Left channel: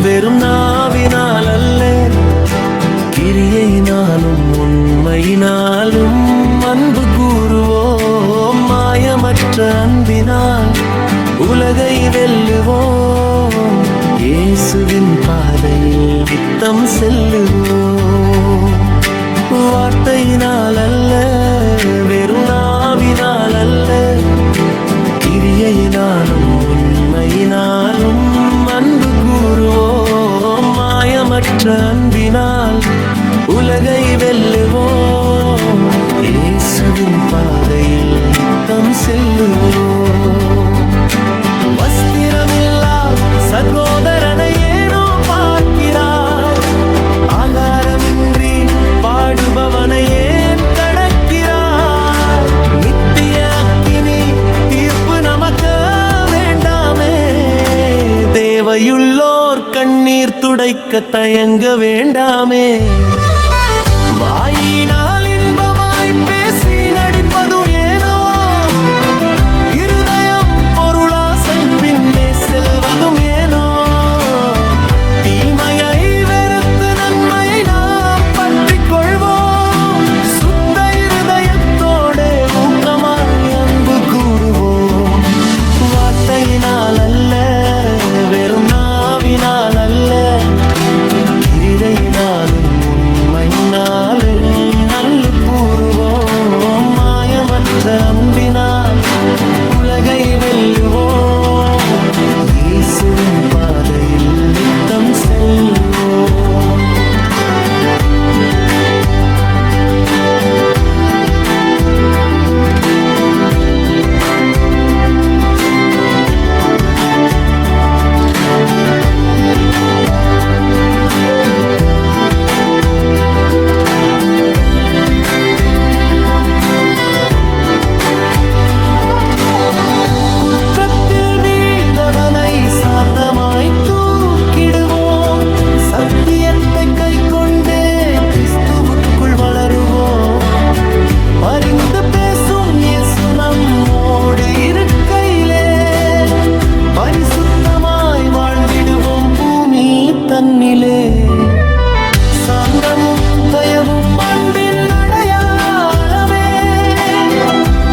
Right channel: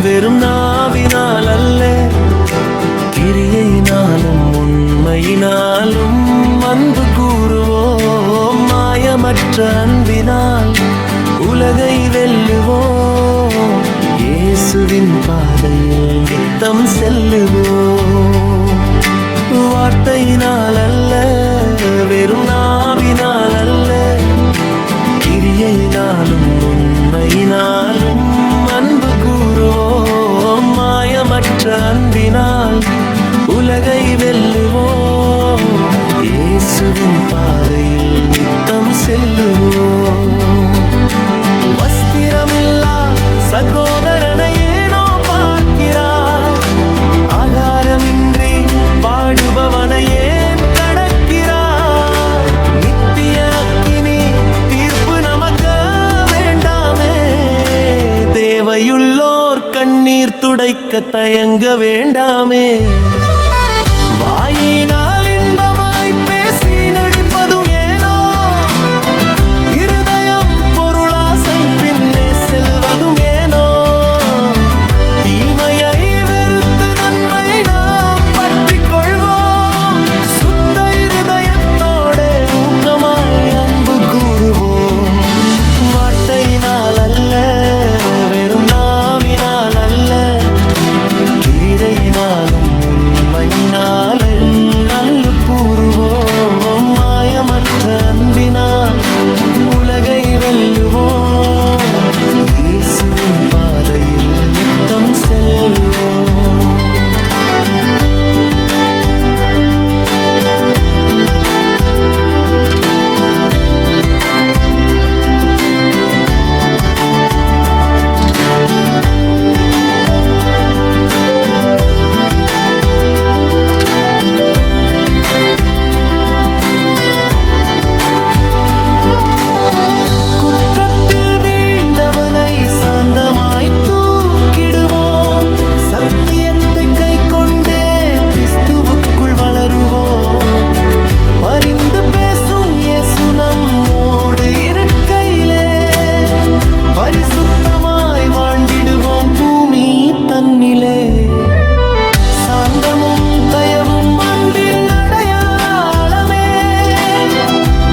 வெறும் நாவினால் அல்ல, கிரியையினாலும் உண்மையினாலும் அன்பு கூறுவோம். மாயமற்ற அன்பினால் உலகை வெல்லுவோம். இயேசுவின் பாதையில் நித்தம் செல்லுவோம். வார்த்தையினால் அல்ல, வெறும் நாவினால் அல்ல, கிரியையினாலும் உண்மையினாலும் அன்பு கூறுவோம். மாயமற்ற அன்பினால் உலகை வெல்லுவோம். இயேசுவின் பாதையில் நித்தம் செல்லுவோம். வஸ்திரமில்லா சகோதரனை ஏனோ பார்க்கிறாய்? ஆகாரமின்றி பாடுபவனை ஏன் கடக்கிறாய்? நித்திய அக்கினி தீர்ப்பு நமக்கு வேண்டாமே. தேவையுள்ளோர் கண்ணீர் துடைக்க தயங்க வேண்டாமே. வாயினால் இன்பமாய் பேசி நடிப்பதும் ஏனோ, இருதயம் பொருளாசை பின்னே செல்வதும் ஏனோ. தீமையை வெறுத்து நன்மையை நாம் பற்றி கொள்வோம். சுத்த இருதயத்தோட ஊக்கமாய் அன்பு கூறுவோம். வார்த்தையினால் அல்ல, வெறும் நாவினால் அல்ல, கிரியையினாலும் உண்மையினாலும் நல்ல கூறுவோம். மாயமற்ற அன்பினால் உலகை வெல்லுவோம். இயேசுவின் பாதையில் நித்தம் செல்வோம். சாந்தமாய் தூக்கிடுவோம். சத்தியத்தை கை கொண்டே கிறிஸ்துவுக்குள் வளருவோம். பரிந்து பேசும் இயேசு நம்மோடு இருக்கையிலே பரிசுத்தமாய் வாழ்ந்திடுவோம் பூமி தன்னிலே. சாந்தமும் தயவும் அன்பின் அடையாளமே.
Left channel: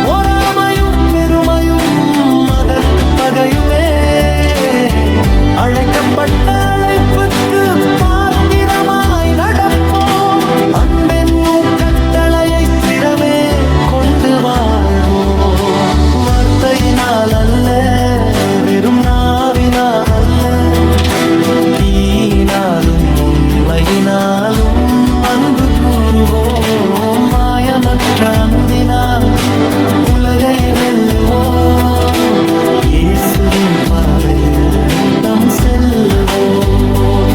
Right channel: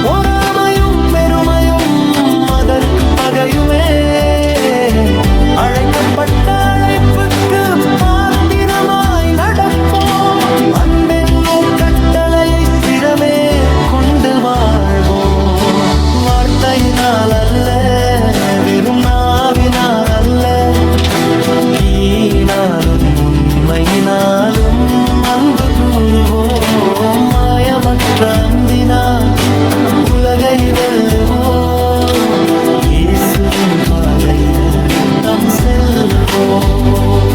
பொறாமையும் பெருமையும் அதற்கு பகையுமே. அழைக்கப்பட்ட அழைப்புக்கு பாத்திரமாய் நடப்போம். அன்பென்னும் கட்டளையை சிரமே கொண்டு வாழ்வோம். வார்த்தையினால் அல்ல, வெறும் நாவினால் அல்ல, கீனாலும் உண்மையினாலும் அன்பு கூறுவோம். மாயமற்ற அன்பினால் உலகை வெல்லுவோம். இயேசுவின் பாதையில் நித்தம் செல்லுவோம்.